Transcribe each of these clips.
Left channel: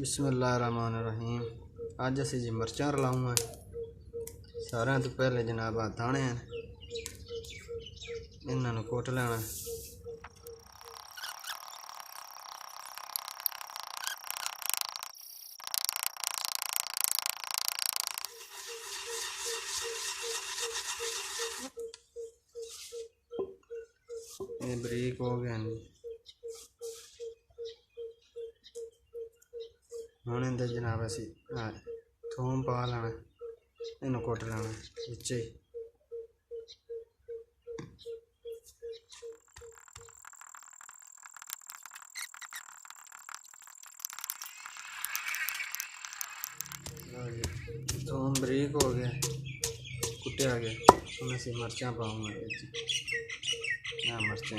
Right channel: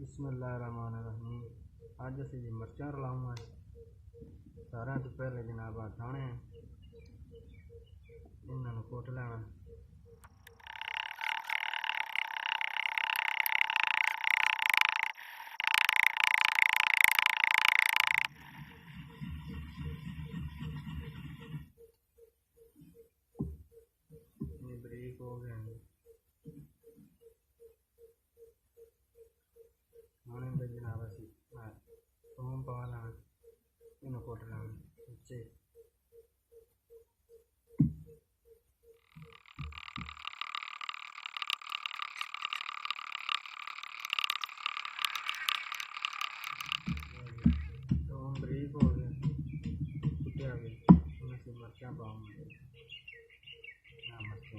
बिस्मिल्लाहिर्रहमानिर्रहीम। अज असी जी मिर्चां रलाऊँ। सारे तो पहले जनाब आ दाने हैं, इन्हों कुट लेना। ये बरीक हो गए हैं। हुण इंदे जनाब असी थूम पा लेना, इन्हू कुट लेना बिच्चे ही। थूम बरीक हो गया, कुटिया गया। हम असी मिर्चां पाऊंगा मिर्चां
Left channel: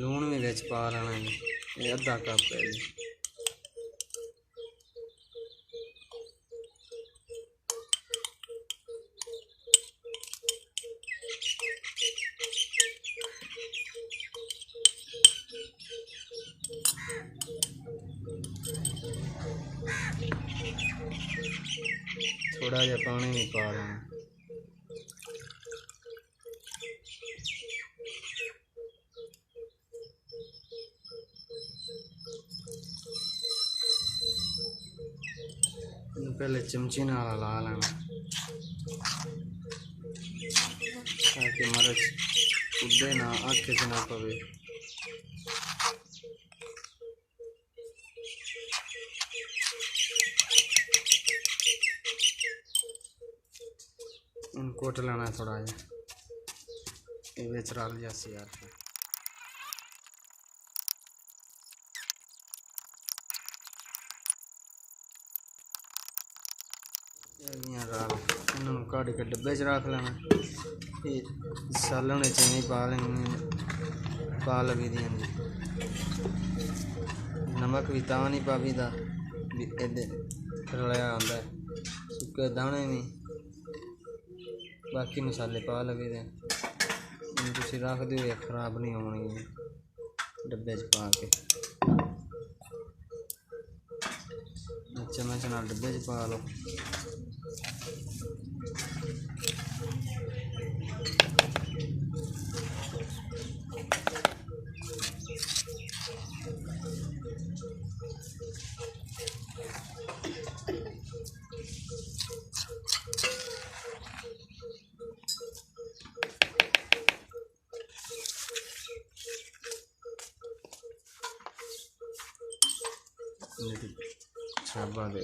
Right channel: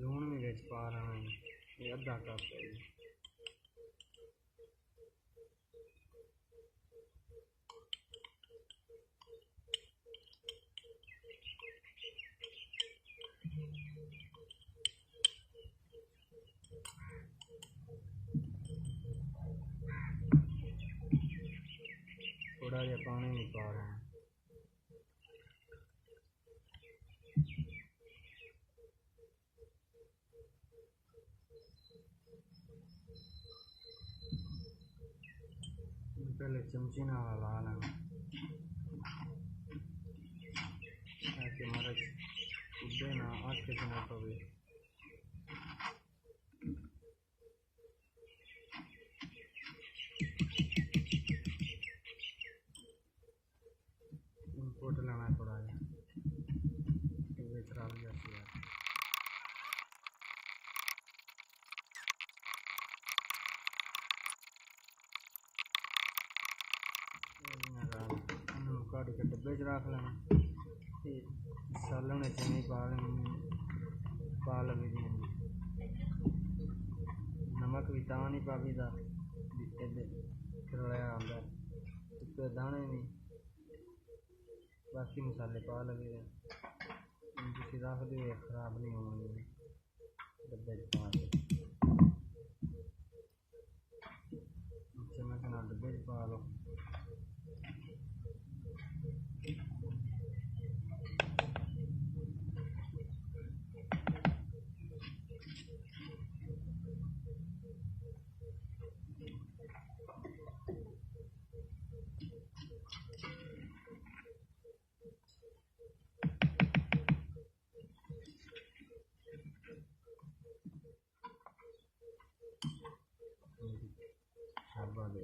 लूण भी बिच पा लेना। ये अद्धा कप है जी। थोड़ा जहा पानी भी पा लेना। पहले चमची नाल ला लेना ताकि मिर्च उड़े ना, अख च ना पवे। कुट लेना थोड़ा जहा, ये रल जासी यार। इन्हों कट के डब्बे च रख लेना। सालन चने पा लेंगे, पा लगी दी। नमक भी ता नहीं पावीदा रलिया आंदा है, सुके दाने भी, बाकी मसाले पा लगे दे। तुम रख दो, खराब नहीं होने डब्बे च पा के। चम्मच नाल डब्बे च पा लो। छाबा दे